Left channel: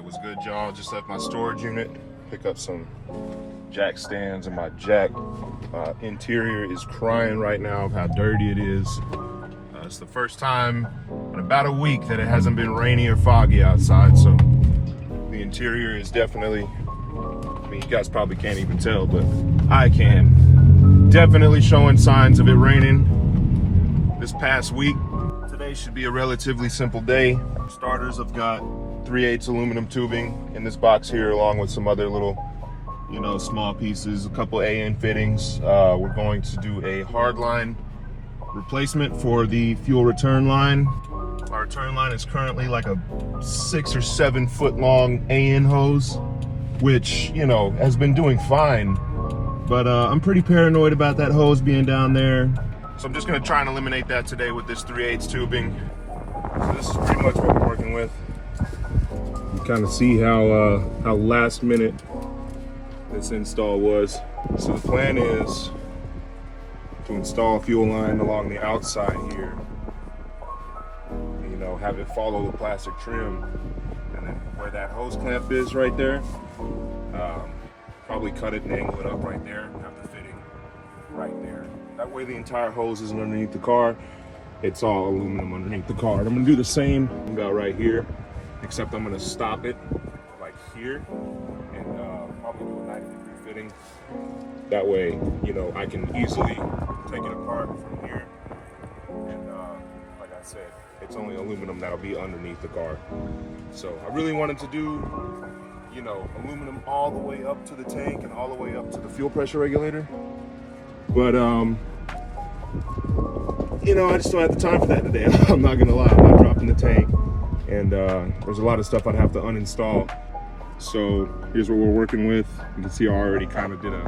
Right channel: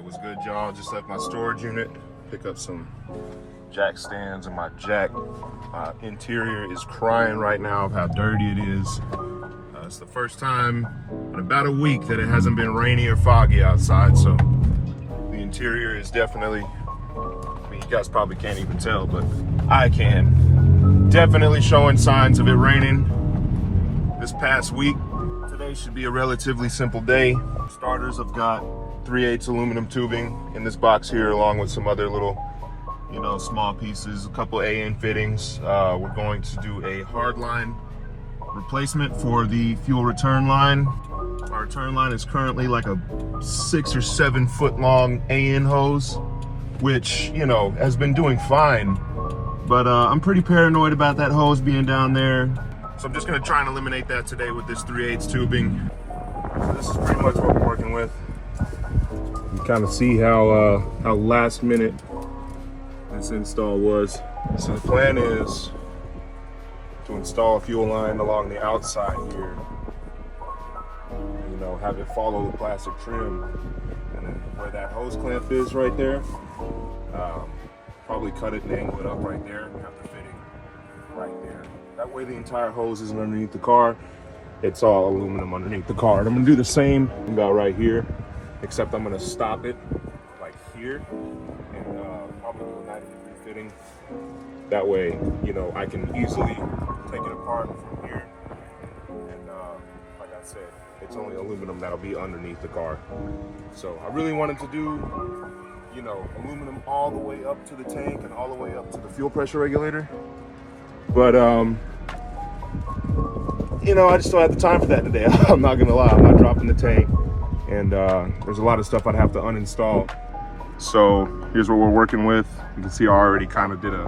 Alright, what's good, y'all? Just left my storage unit, pick up some jack stands, and my jack interior is crying right now of how dirty it is. It's the first time in about a week that it hasn't been rainy or foggy outside, so the interior is definitely, I mean, you guys probably can't even tell, but I can. Definitely showing signs of it raining this past week. Today should be a relatively simple day. Starters, I've got 3/8 aluminum tubing in this box here, along with some other little, small pieces, a couple AN fittings. We're going to do a hard line replacement for the fuel return line. Our return line is currently like a 6 or 7 foot long AN hose, which, has been doing fine. But I'm pretty paranoid about that hose being down there. So I'm just gonna try and eliminate that today with this 3/8 tubing. So this is pretty much what we're working with. You kind of see how last minute this install was. So the plan is to install a fuel line along the outside here. Have it follow the plastic trim, and then where that hose clamp is right there, probably cut it and angle it up right there and have the fitting right there. That way the entire hose isn't underneath the car. It's all aluminum underneath the car. And I'm gonna do the same about right here, except I'm gonna stop it like here and probably do a 90-degree fitting. That way, I can easily take it apart from here. And like I said, it's only aluminum that'll be underneath the car. So I really wanted to do, aluminum all the way up to the tank and all the way up to the fuel pressure regulator. But, I just don't have the time for that today. I'm not gonna lie, I'm not dropping the tank. And there's a lot of stuff I'd have to uninstall. So here's what we're working with. You can see I already kind of did a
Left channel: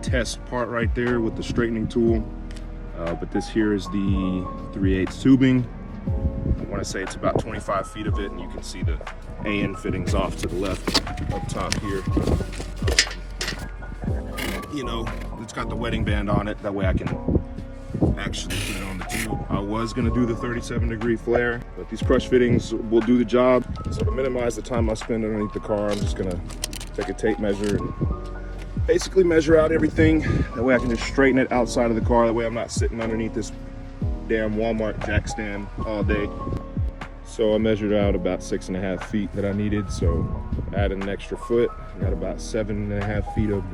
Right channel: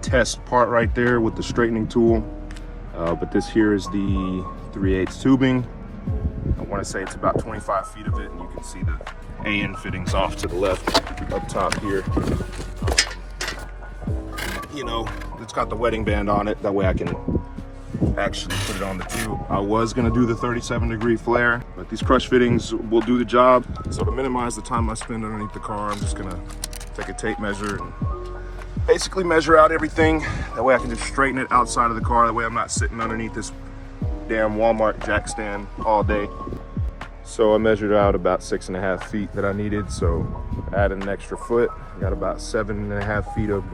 test part right there with the straightening tool. But this here is the 3/8 tubing. I want to say it's about 25 feet of it, and you can see the AN fittings off to the left up top here. It's got the wetting band on it. That way I can actually put it on the tube. I was gonna do the 37-degree flare, but these crush fittings will do the job. So to minimize the time I spend underneath the car, I'm just gonna take a tape measure and basically measure out everything. That way I can just straighten it outside of the car. That way I'm not sitting underneath this damn Walmart jack stand all day. So I measured out about 6.5 feet that I needed. So add an extra foot. I got about 7.5 feet of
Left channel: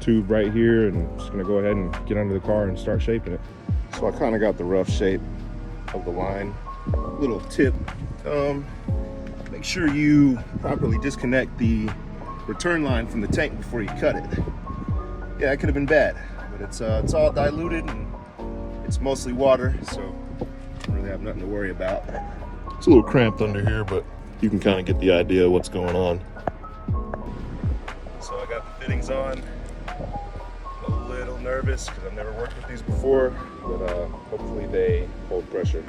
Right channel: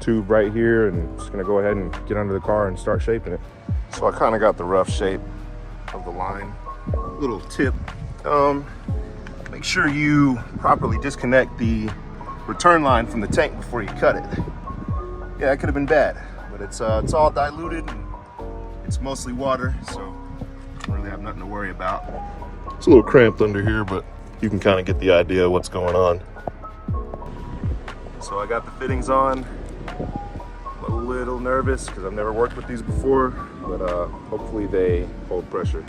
tube right here, and I'm just gonna go ahead and get under the car and start shaping it. So I kind of got the rough shape of the line. Little tip, make sure you properly disconnect the return line from the tank before you cut it. Yeah, it could have been bad, but it's all diluted and it's mostly water, so I don't really have nothing to worry about. It's a little cramped under here, but you can kind of get the idea of what's going on. So I got the fittings on. I'm a little nervous because I've never worked with these before, but hopefully they hold pressure.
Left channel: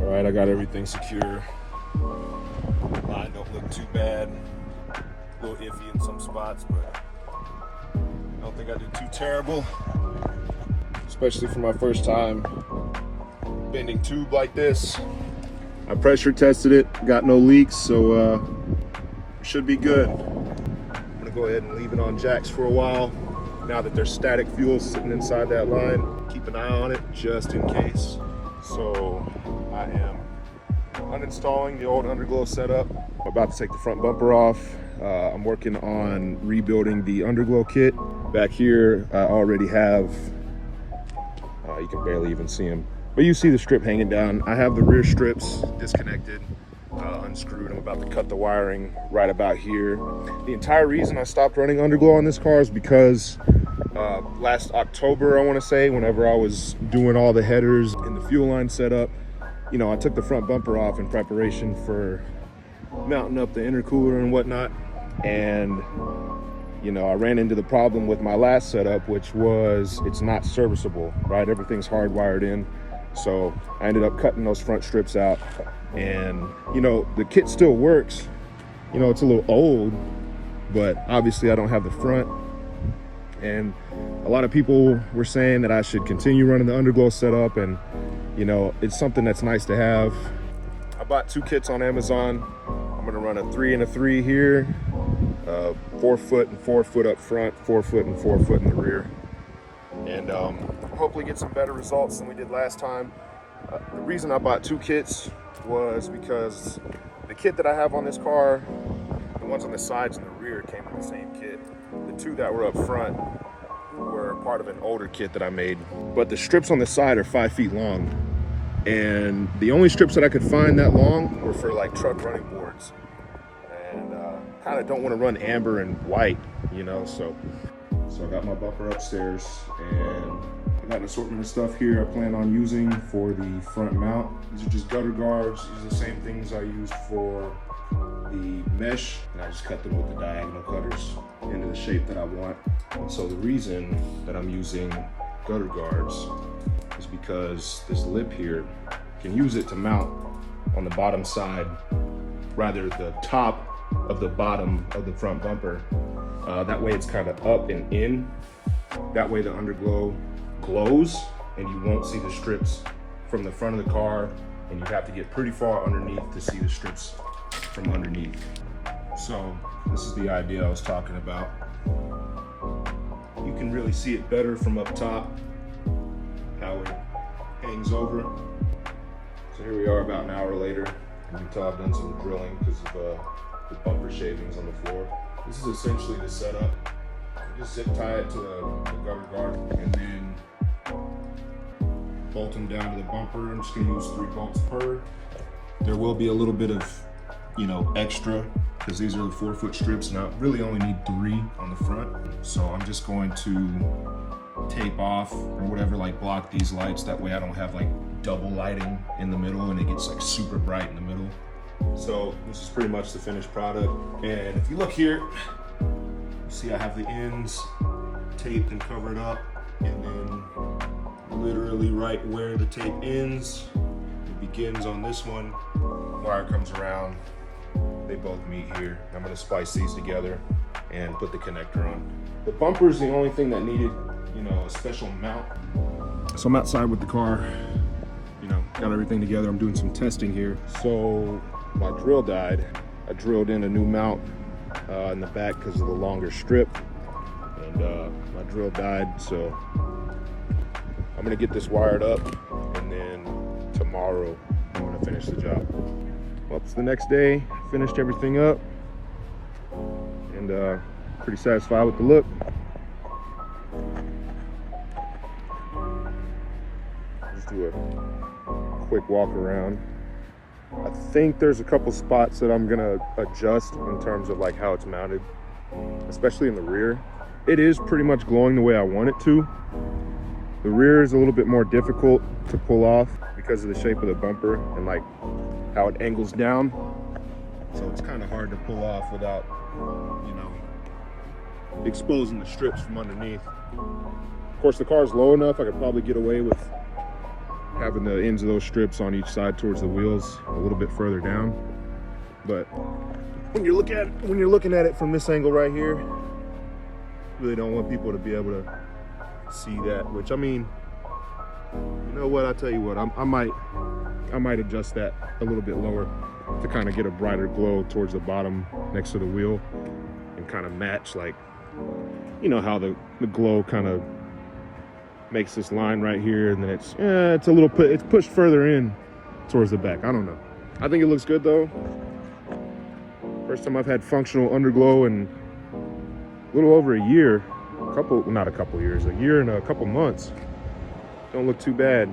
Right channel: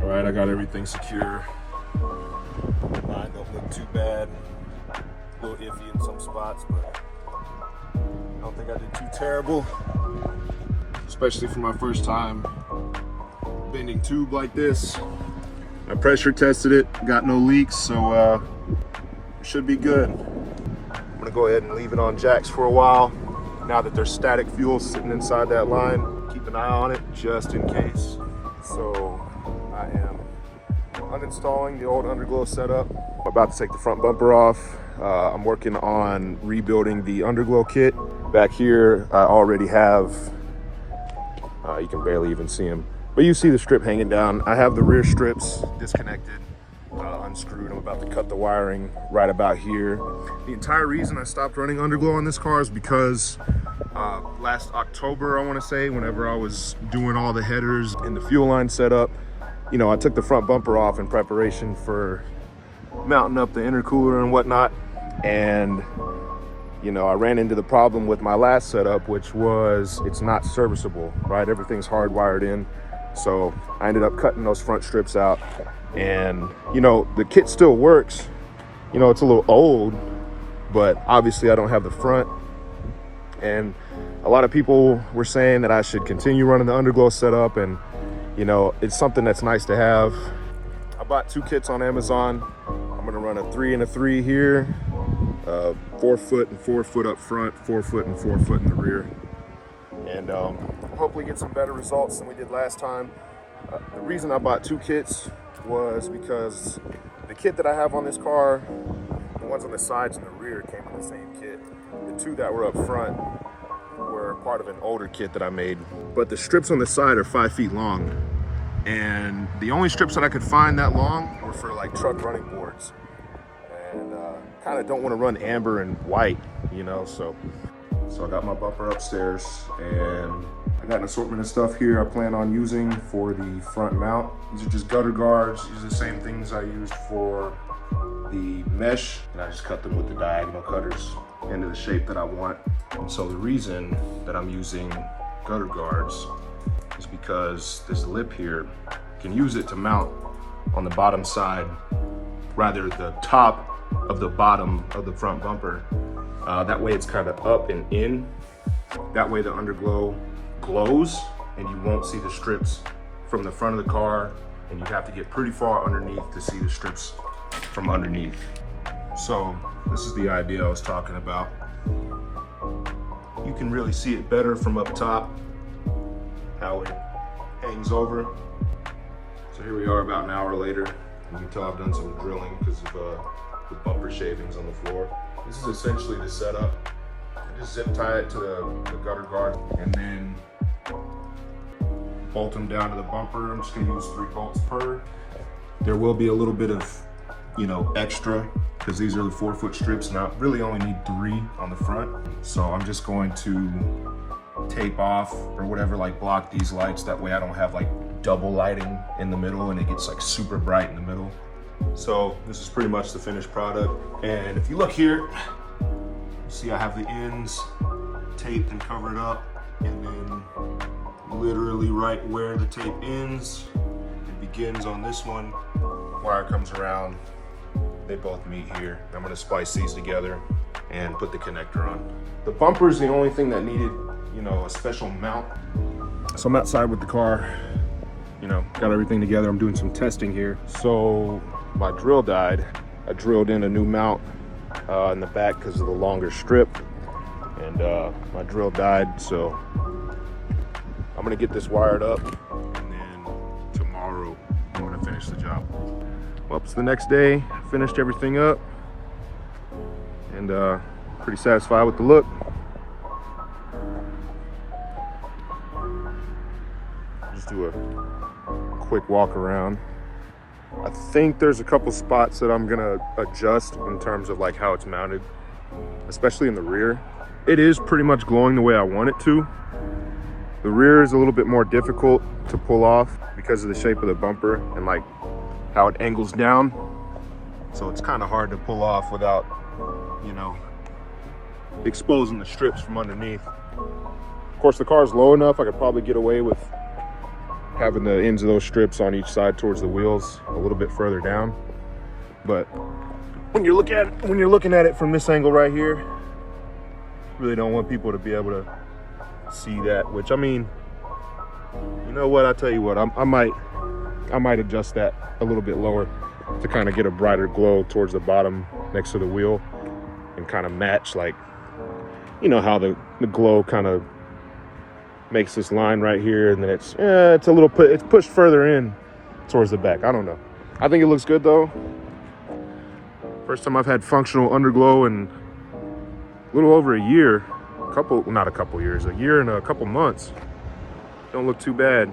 All right, I got everything secure. Line don't look too bad. A little iffy in some spots, but I don't think I did too terrible, especially for my first time bending tube like this. I pressure tested it, got no leaks, so it should be good. I'm gonna go ahead and leave it on jacks for a while. Now that there's static fuel sitting inside that line, keep an eye on it just in case. So I am uninstalling the old Underglow setup. I'm about to take the front bumper off. I'm working on rebuilding the Underglow kit. Back here, I already have, you can barely even see them, but you see the strip hanging down. I have the rear strips disconnected, unscrewed. I'm about to cut the wiring right about here. The entire reason I stopped running Underglow on this car is because last October, I want to say, whenever I was doing all the headers and the fuel line setup, I took the front bumper off in preparation for mounting up the intercooler and whatnot. And I ran into the problem with my last setup, which was it's not serviceable, right? Everything's hardwired in. So I ended up cutting those front strips out, and the kit still works. It's a little old, but obviously I don't have the front. And a lot of people were saying that I should continue running the Underglow setup, and it's something that's nice to have. I bought 2 kits on Amazon. I'm gonna run a 3 and a 3 here, 4 foot and 4 foot up front, 4 foot and 4 foot in the rear. And hopefully get some better results than we did last time. The reason I bought 2 kits was because the kit that I have on this car, the ones on the sides and the rear came in the same kit. The 2 that were up front were part of an older kit that I made. But the strips on the side are 5 feet long. And the only strips that I could find that long were for like truck running boards. And kind of don't want to run amber and white, you know, so I got my bumper upstairs and I got an assortment of stuff here I plan on using for the front mount. These are just gutter guards. These are the same things I used for the mesh, and I just cut them with the diagonal cutters into the shape that I want. And so the reason that I'm using gutter guards is because this lip here can use it to mount on the bottom side, rather the top of the bottom of the front bumper. That way it's kind of up and in. That way the underglow glows and you won't see the strips from the front of the car, and you have to get pretty far underneath to see the strips from underneath. So this is the idea I was talking about. You can really see it better from up top, how it hangs over. So here we are about an hour later, and you can tell I've done some drilling because of the bumper shavings on the floor. This is essentially the setup. I just zip tie it to the gutter guard and then bolt them down to the bumper. I'm just gonna use 3 bolts per. There will be a little bit of, you know, extra because these are the 4 foot strips and I really only need 3 on the front. So I'm just going to tape off or whatever, like block these lights. That way I don't have like double lighting in the middle and it gets like super bright in the middle. So this is pretty much the finished product. And if you look here, see I have the ends taped and covered up, and then literally right where the tape ends, it begins on this one. Wire comes around, they both meet here. I'm gonna splice these together and put the connector on. The bumper is the only thing that needed, you know, a special mount. So I'm outside with the car, you know, got everything together. I'm doing some testing here. So my drill died. I drilled in a new mount in the back because of the longer strip, and my drill died, so I'm gonna get this wired up, and then tomorrow I'm gonna finish the job. Well, it's the next day, finished everything up, and pretty satisfied with the look. Just do a quick walk around. I think there's a couple spots that I'm gonna adjust in terms of like how it's mounted, especially in the rear. It is pretty much glowing the way I want it to. The rear is a little bit more difficult to pull off because of the shape of the bumper and like how it angles down. So it's kind of hard to pull off without, you know, exposing the strips from underneath. Of course, the car's low enough, I could probably get away with having the ends of those strips on each side towards the wheels a little bit further down. But when you're looking at it from this angle right here, really don't want people to be able to see that, which I mean, you know what, I'll tell you what, I might adjust that a little bit lower to kind of get a brighter glow towards the bottom next to the wheel and kind of match, like, you know how the glow kind of makes this line right here, and then it's a little it's pushed further in towards the back. I don't know. I think it looks good though. First time I've had functional underglow in a little over a year. A year and a couple months. Don't look too bad.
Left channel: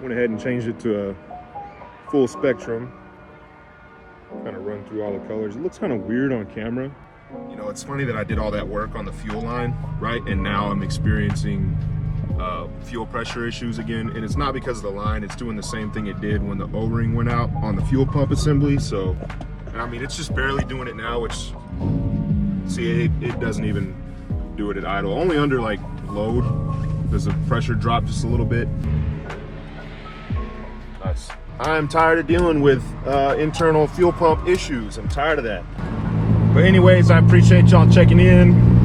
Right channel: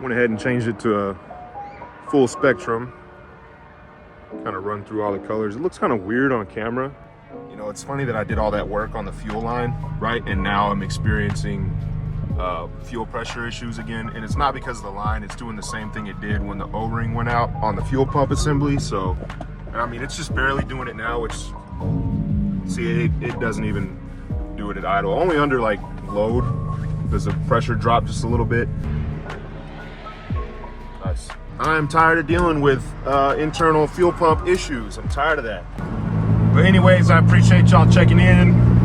Went ahead and changed it to a full spectrum. Kind of run through all the colors. It looks kind of weird on camera. You know, it's funny that I did all that work on the fuel line, right? And now I'm experiencing fuel pressure issues again. And it's not because of the line, it's doing the same thing it did when the O-ring went out on the fuel pump assembly. So, I mean, it's just barely doing it now, which, see, it doesn't even do it at idle. Only under like load does the pressure drop just a little bit. Nice. I'm tired of dealing with internal fuel pump issues. I'm tired of that. But anyways, I appreciate y'all checking in.